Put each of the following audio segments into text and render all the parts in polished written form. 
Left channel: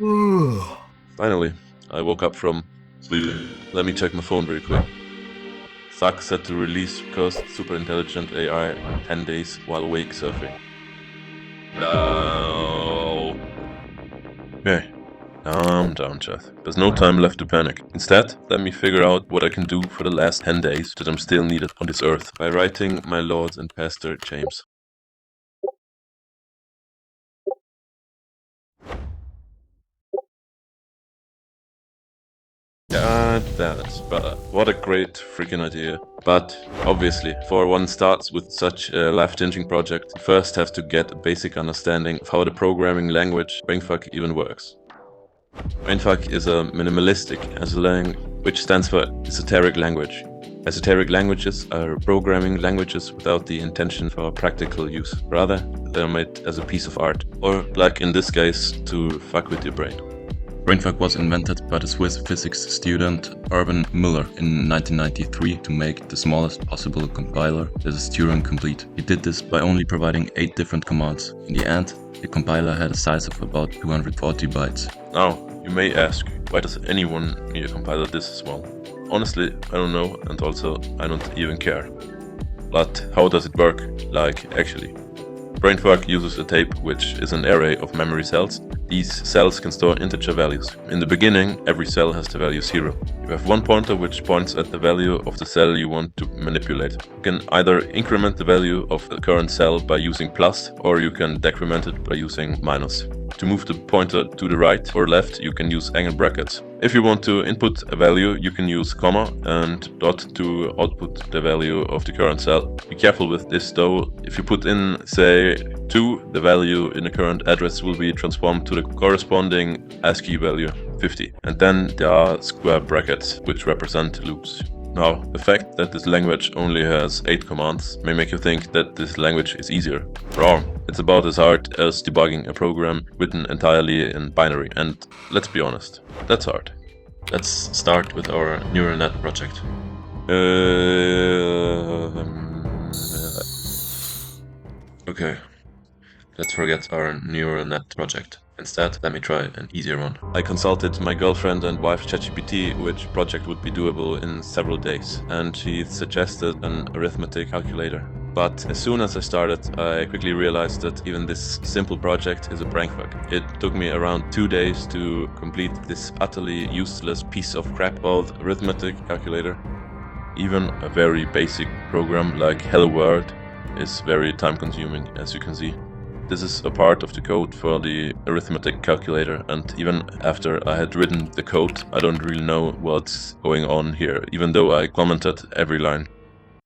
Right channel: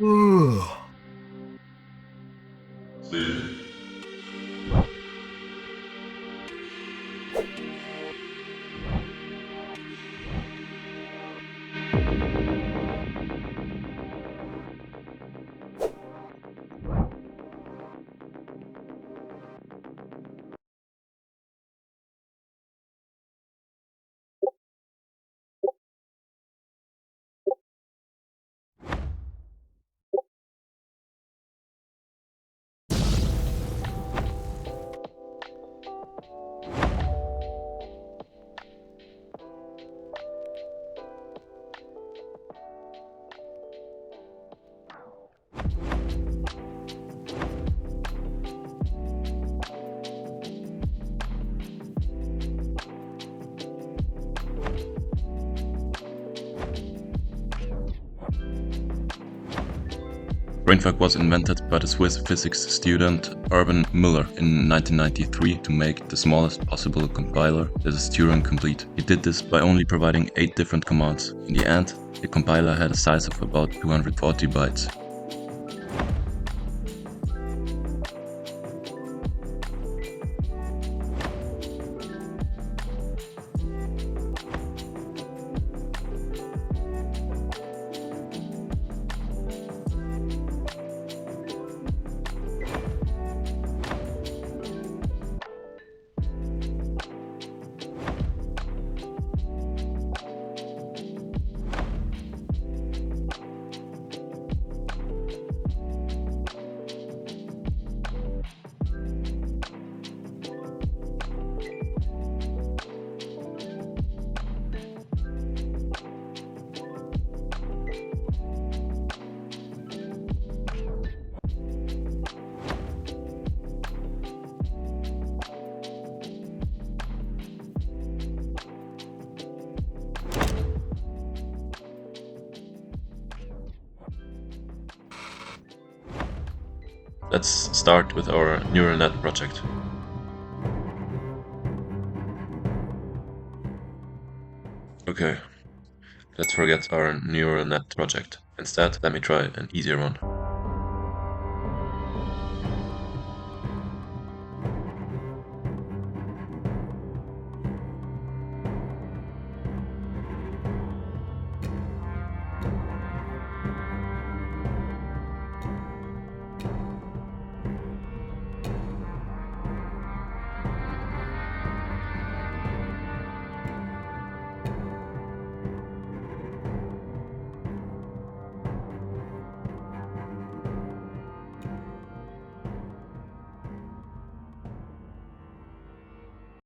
Finally, I woke up from sleeping. Let me check my phone real quick. Fuck set to release because super intelligent AI 10 days while wake surfing. No. Okay. Down, Cheth. There's no time left to panic. Instead, let me figure out what I can do for the last 10 days that I'm still needed on this earth by writing my Lord and Pastor James. God damn it, brother. What a great freaking idea. But obviously, before one starts with such a life-changing project, you first have to get a basic understanding of how the programming language Brainfuck even works. Brainfuck is a minimalistic esolang, which stands for esoteric language. Esoteric languages are programming languages without the intention for practical use. Rather, they're made as a piece of art, or like in this case, to fuck with your brain. Brainfuck was invented by the Swiss physics student Urban Müller in 1993 to make the smallest possible compiler that is Turing complete. He did this by only providing 8 different commands. In the end, the compiler had a size of about 240 bytes. Now, you may ask, why does anyone need a compiler this small? Honestly, I don't know, and also I don't even care. But how does it work, like actually? Brainfuck uses a tape, which is an array of memory cells. These cells can store integer values. In the beginning, every cell has the value 0. You have one pointer which points at the value of the cell you want to manipulate. You can either increment the value of the current cell by using plus, or you can decrement it by using minus. To move the pointer to the right or left, you can use angle brackets. If you want to input a value, you can use comma and dot to output the value of the current cell. Be careful with this though. If you put in, say, 2, the value in the current address will be transformed to the corresponding ASCII value, 50. And then there are square brackets, which represent loops. Now, the fact that this language only has 8 commands may make you think that this language is easier. Wrong. It's about as hard as debugging a program written entirely in binary, and let's be honest, that's hard. Let's start with our neural net project. Okay, let's forget our neural net project. Instead, let me try an easier one. I consulted my girlfriend and wife ChatGPT which project would be doable in several days, and she suggested an arithmetic calculator. But as soon as I started, I quickly realized that even this simple project is a brainfuck. It took me around 2 days to complete this utterly useless piece of crap called arithmetic calculator. Even a very basic program like Hello World is very time consuming, as you can see. This is a part of the code for the arithmetic calculator, and even after I had written the code, I don't really know what's going on here, even though I commented every line.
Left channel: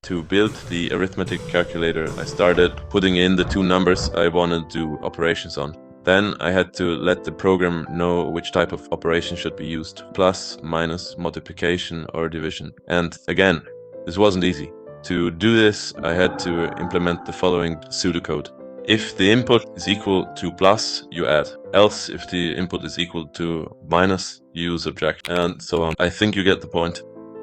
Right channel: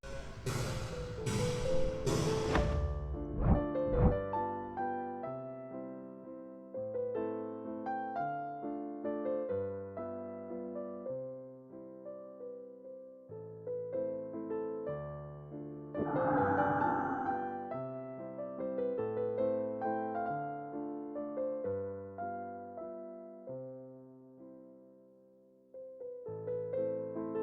To build the arithmetic calculator, I started putting in the 2 numbers I wanted to do operations on. Then I had to let the program know which type of operation should be used, plus, minus, multiplication or division. And again, this wasn't easy. To do this, I had to implement the following pseudocode. If the input is equal to plus, you add. Else, if the input is equal to minus, you subtract, and so on. I think you get the point.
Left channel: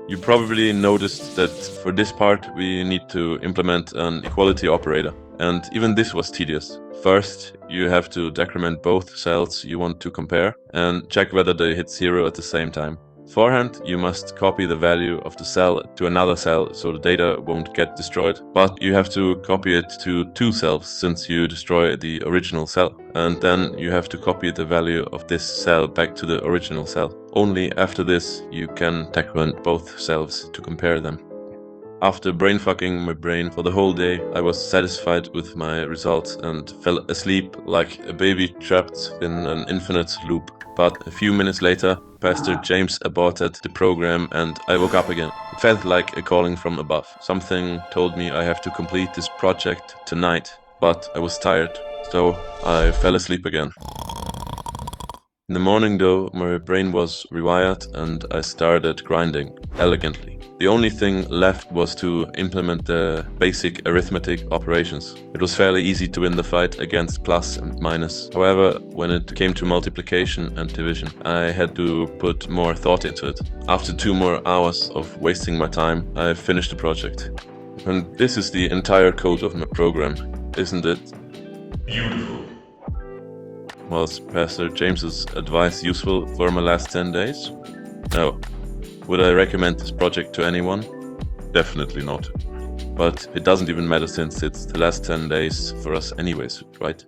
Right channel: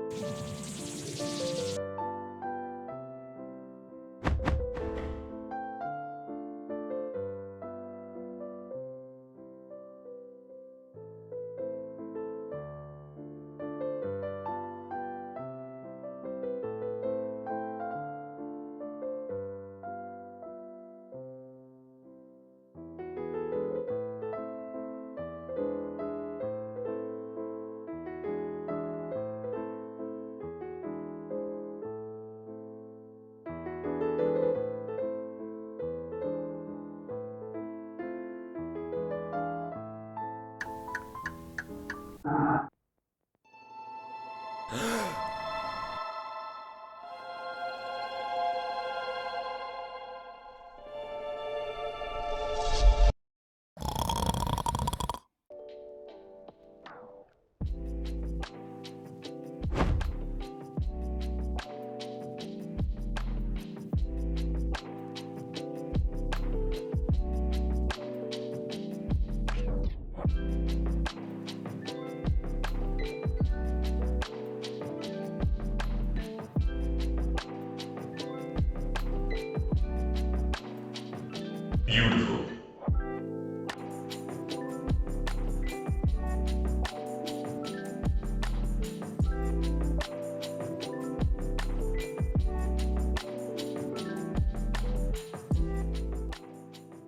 You probably noticed that for this part we need to implement an equality operator, and even this was tedious. First, you have to decrement both cells you want to compare and check whether they hit 0 at the same time. Beforehand, you must copy the value of the cell to another cell so the data won't get destroyed, but you have to copy it to 2 cells since you destroy the original cell, and then you have to copy the value of this cell back to the original cell. Only after this you can decrement both cells to compare them. After brainfucking my brain for the whole day, I was satisfied with my results and fell asleep like a baby trapped in an infinite loop. But a few minutes later, Pastor James aborted the program and I woke up again. It felt like a calling from above. Something told me I have to complete this project tonight, but I was tired, so I fell asleep again. In the morning though, my brain was rewired and I started grinding elegantly. The only thing left was to implement the basic arithmetic operations. It was fairly easy to win the fight against plus and minus. However, when it came to multiplication and division, I had to put more thought into it. After 2 more hours of wasting my time, I finished the project. And this is the entire code of my program, isn't it? Beautiful. Was Pastor James's advice useful for my last 10 days? No. Would I recommend this project to anyone? Definitely not. But it doesn't even matter since it's the last 10 days for us anyways, right?